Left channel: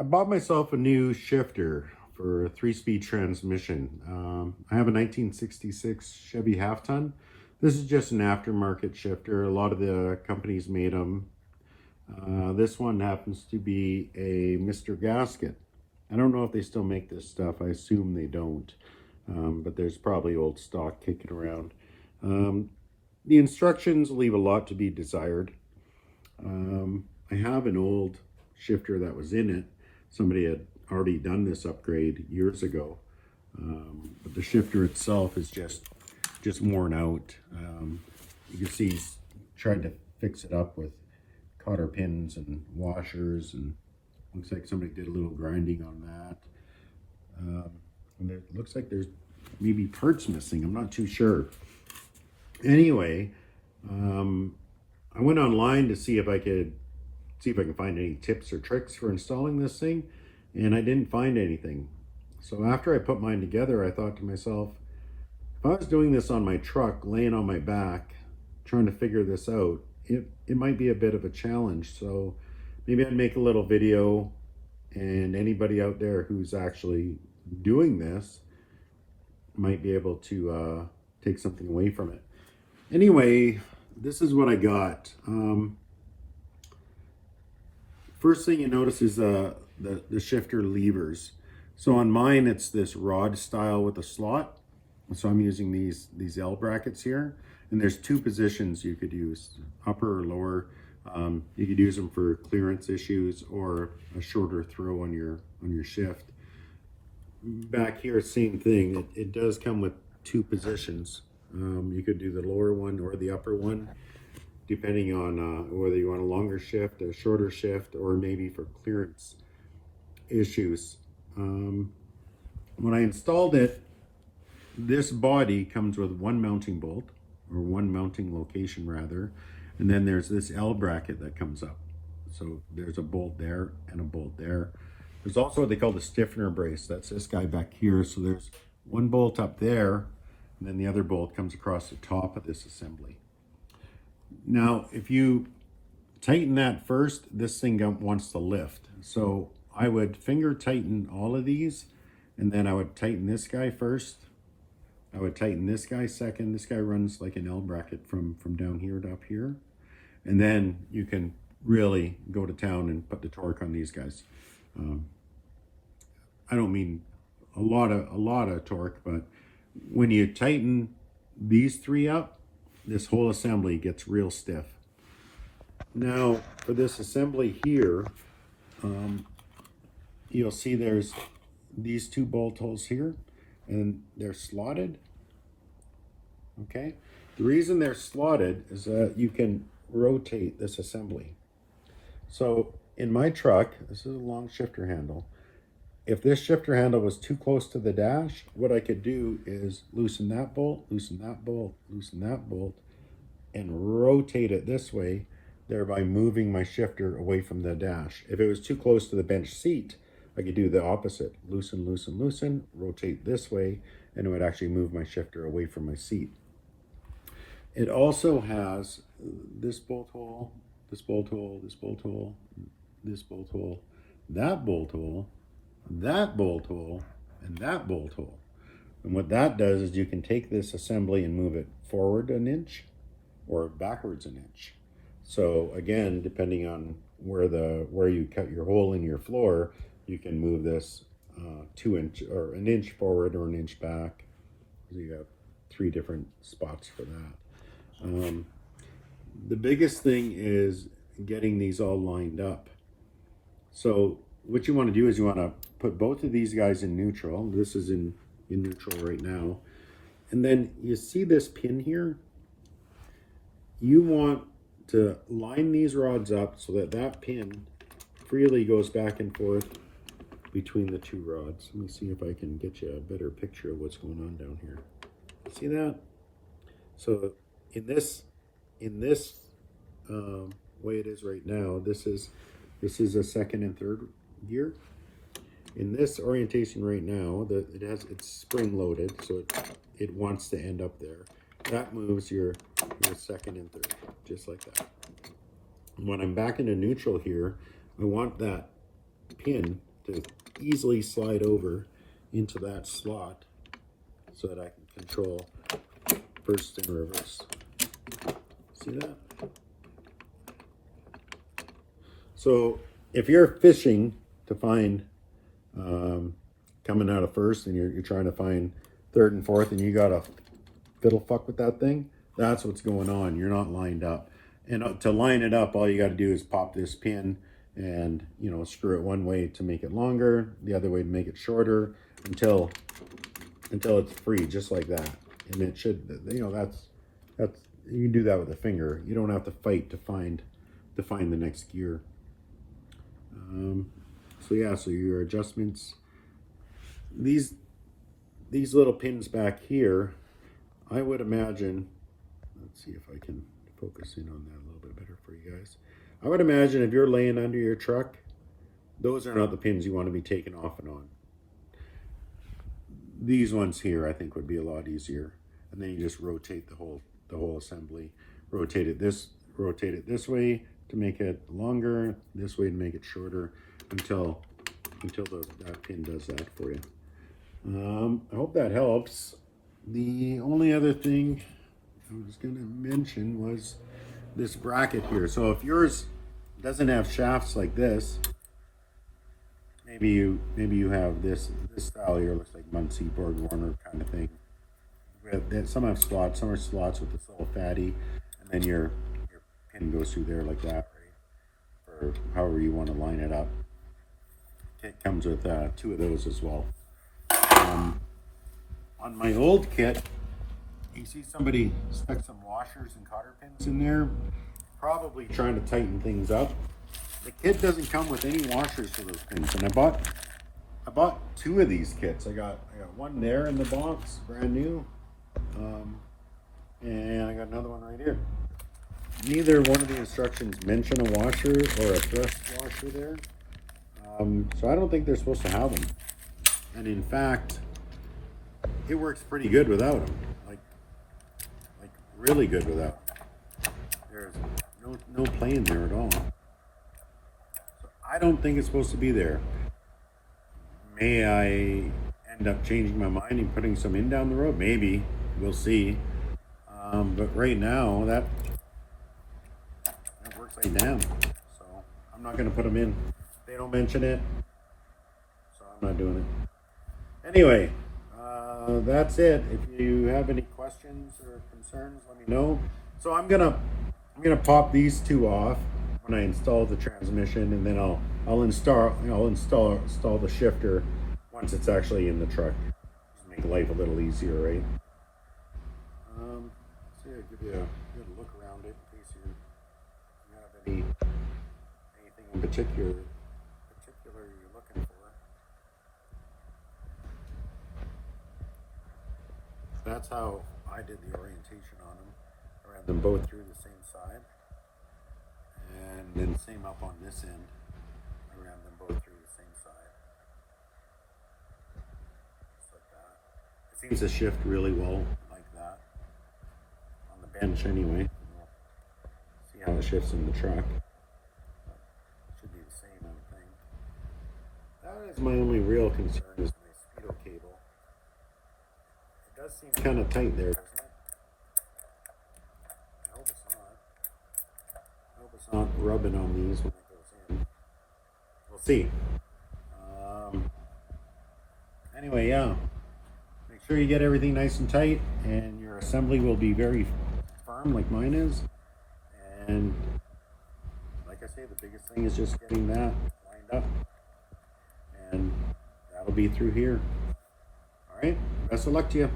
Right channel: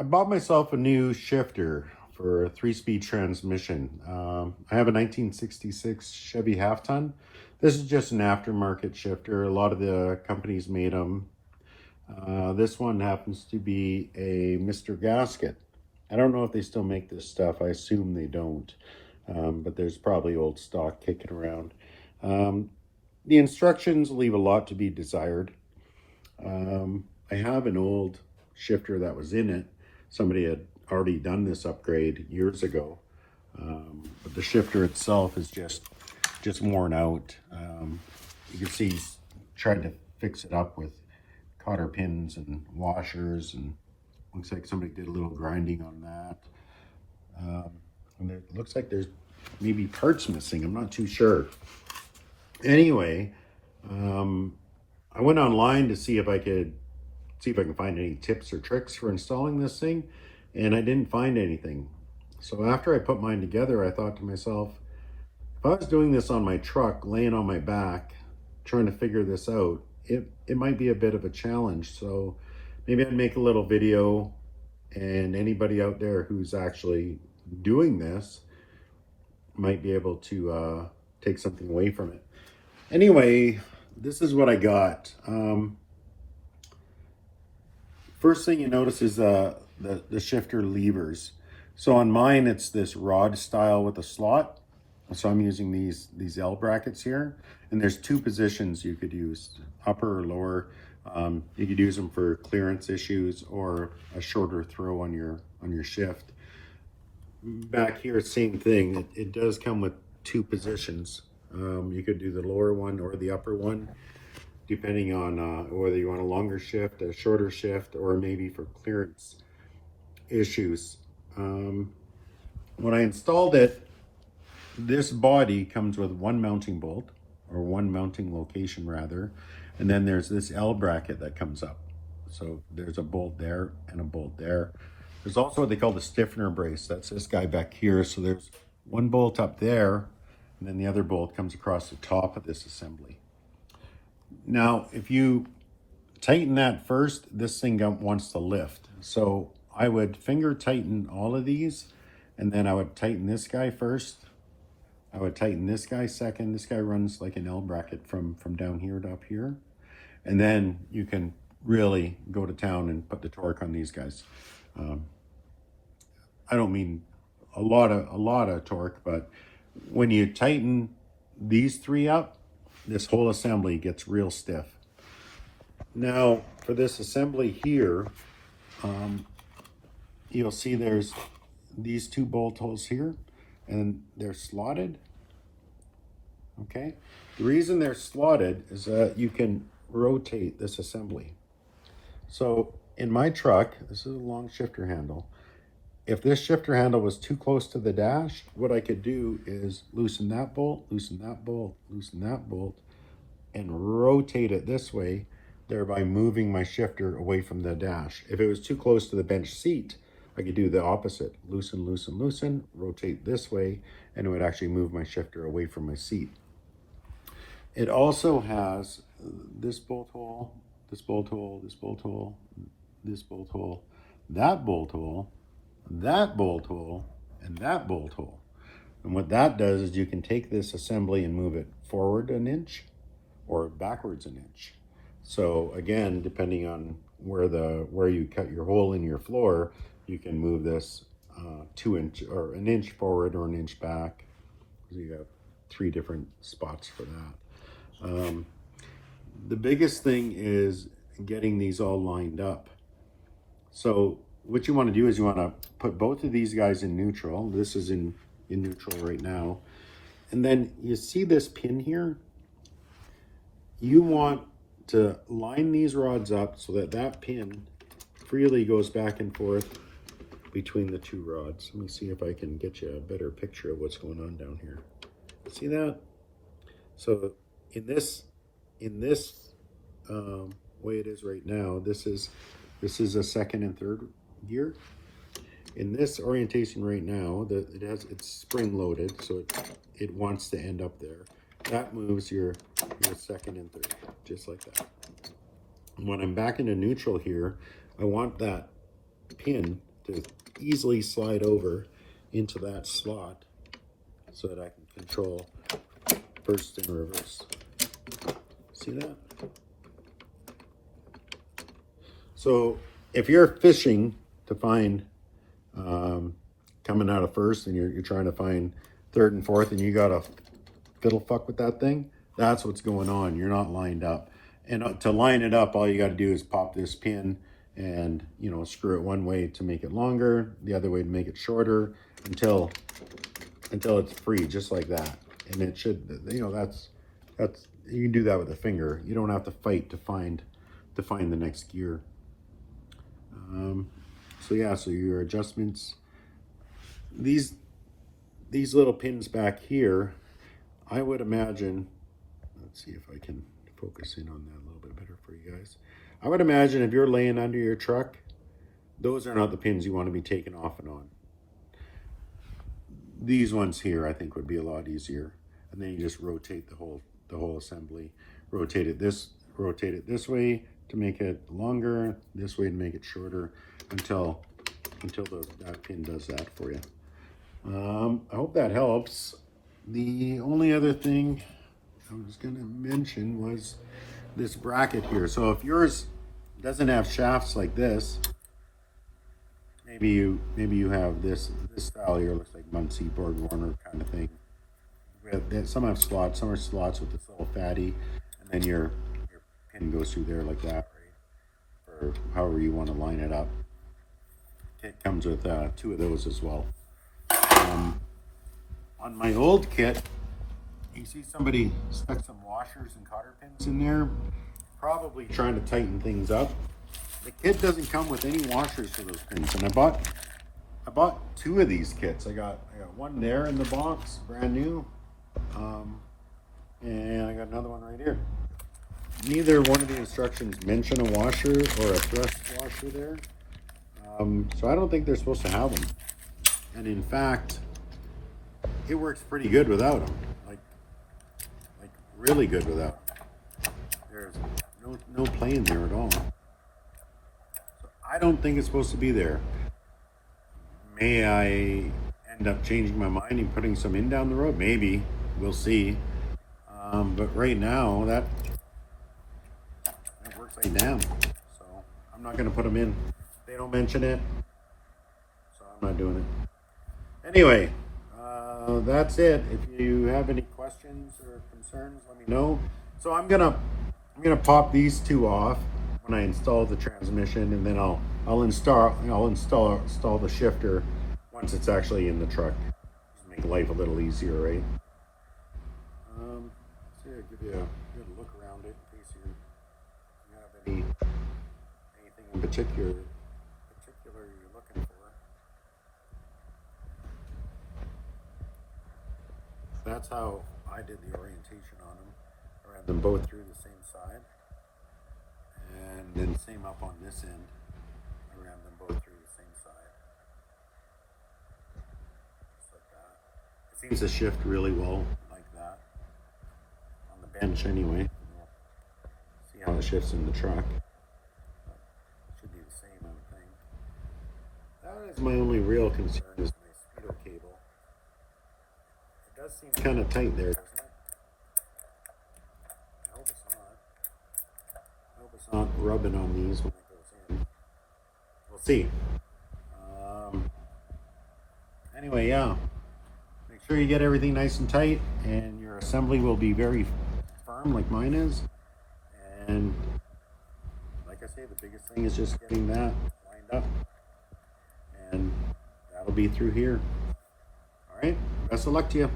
I bought myself a new shifter for a 3-speed transmission. I have a 1966 Chevy half-ton. This is just an aftermarket shifter. A lot of the companies made them. This one happens to be a Mr. Gasket. I don't know if they still make this stuff. I assume they don't, but there's probably old stock kicking around. The instructions leave a lot to be desired. I have an old shifter that was in it. Somebody had already done this upgrade years ago, but the shifter itself is just worn out. You can see he's tried to fix it up with cotter pins and washers, and looks like somebody did a little grinding on that. And it looks like there's maybe parts missing. I'm not too sure. Anyway, I went online to see if I can find any tips or tricks for installing this thing, and I didn't find anything. So after I put mine together, I thought to myself, if I was doing this on my truck, laying on my back, trying to figure this out, it might be a bit of a challenge. So maybe I'd make a little video, and anybody out there who's actually doing this might be able to take something away from it. Anyway, this is what I got. First thing you notice is the shifter levers. So on mine, it's this rod style with a slot. So I'm using these L brackets here, and there's two positions you could use, upper or lower. You could use them for clearance issues or a shorter throw on your shift. Back here, same thing. It does come with two positions. You could do the lower one or the upper one, depending on whether you want a longer shift, a shorter shift, or maybe for clearance issues. When I installed it, this body comes with one mounting bolt, or one mounting location rather, and then there's this L bracket that comes up. So there's a bolt there and a bolt there. There's also what they call the stiffener brace. That's this guy back here. So there's one bolt up there, and then the other bolt comes across the top of this assembly. Now, if you tighten that first, this thing wants to lift. So I would finger tighten all of these, and then I would tighten this guy first. I would tighten this guy second. This guy runs like an L bracket from down here to up here. And then you can really go to town and put the torque on these guys. I don't mean a lot of torque, but when you tighten these three up, this whole assembly gets real stiff. Now, for this assembly here, you'll see there's these two bolt holes here, and they're slotted. Okay, the reason they're slotted is that you can rotate this assembly. So in my truck, this is a long shifter handle. If this shifter handle was too close to the dash, what I could do is loosen that bolt, loosen that bolt, loosen that bolt, and rotate it this way, thereby moving my shifter away from the dash. If it was too close to the bench seat, I could do the opposite. Loosen, loosen, loosen, rotate this way, and it would actually move my shifter away from my seat. It also has this bolt hole, this bolt hole, this bolt hole, this bolt hole, that bolt hole, that bolt hole, and that bolt hole. And what that does is you can take this assembly and move it forward an inch or backwards an inch. So again, depending on where you cut your hole in your floor, you can move this 2 inch or an inch forward or an inch back. So you have 3 different spots for that. The biggest thing is getting these all lined up. So what you want to do is you want to put both of these guys in neutral. This is in neutral right now. And then you see this pin here? You want to line these rods up so that that pin freely goes back and forth between the two rods. Let me see if I can get you a better picture of what's going on down here. See that? So in this way it is right now, this is a second and third gear. In this orientation right now, it's spring loaded, so it wants to end up there. That moves your second and third, just like that. When I'm back into neutral here, I want that pin to easily slide over into that slot so that I can control first and reverse. See that? So if you're fishing to find coming out of first and you're trying to find third and fourth and you got to fiddle fuck with that thing, that's what's going on. You're not lined up. And to line it up, all you got to do is pop this pin and, you know, screw it one way to make it longer, the other way to make it shorter until it's free, just like that. And it should, you know, that's you can do that with a finger. You don't have to fight to find the next gear. So yeah, so your adjustments, these little pins back here, I would imagine, let's see if I can focus in on that a little bit better for you guys. I would imagine if you're laying under your truck, those are not the pins you want to be taking off and on. These ones here, I think, would be a lot easier. And then you just rotate the whole assembly. Rotate it this way to make it longer, this way to make it shorter, until that pin does that for you. I hope that helps. The only other thing I was going to mention was this bracket here. So if yours doesn't have shafts like this, maybe you have this style here, looks like Muncie, Borg Warner kind of thing. Some have slots, some are slots with this little fatty, and then your pin goes through there like that, right? Or however you want to line it up. It comes with 2 of those as well. On my old kit, you see somebody stuck some washers and cotter pins in there, probably trying to tighten things up. The kit doesn't come with any washers for those pins, and I bought 2 of these kits. I got one there in the box, brand new, and I got another one right here. Neither one of the instructions mention a washer or a thrust washer there, so I don't think they're supposed to have them. And in fact, it works pretty good without them, like really good without them. There's no play in there at all. So I don't think it's supposed to be there. May I end up changing my mind and putting some in down the road? Maybe. We'll see. But right now, that works like damn. So I'm not going to put them in. They don't mention it, so I'm not doing it. Anyway, that's it. If you have any questions or concerns, let me know. So I'm gonna pop these 2 off when I install the transmission, and then I'll install the shifter once it's actually in the truck. Just make life a little easier, right? So yeah, give you a good look around it in case you have anything in particular you're looking for. That's how I did the orientation on them. I ran them both through the same side, and then same up on this end. I ran them both through the same side, just like that. It seems to shift really well like that on the bench anyway. See how it shifts in the truck. But it should be the same, I would think. That is my only real concern is my speedo cable. It does seem kind of tight there, doesn't it? I hope it's not. I hope it's not rubbing on these when it goes in. We'll see. Anyway, yeah. Make sure you get everything nice and tight, and your assembly will be very firm like mine is. And like I say, the biggest thing is just getting that lined up. And that'll be through here. All right. Best of luck to you.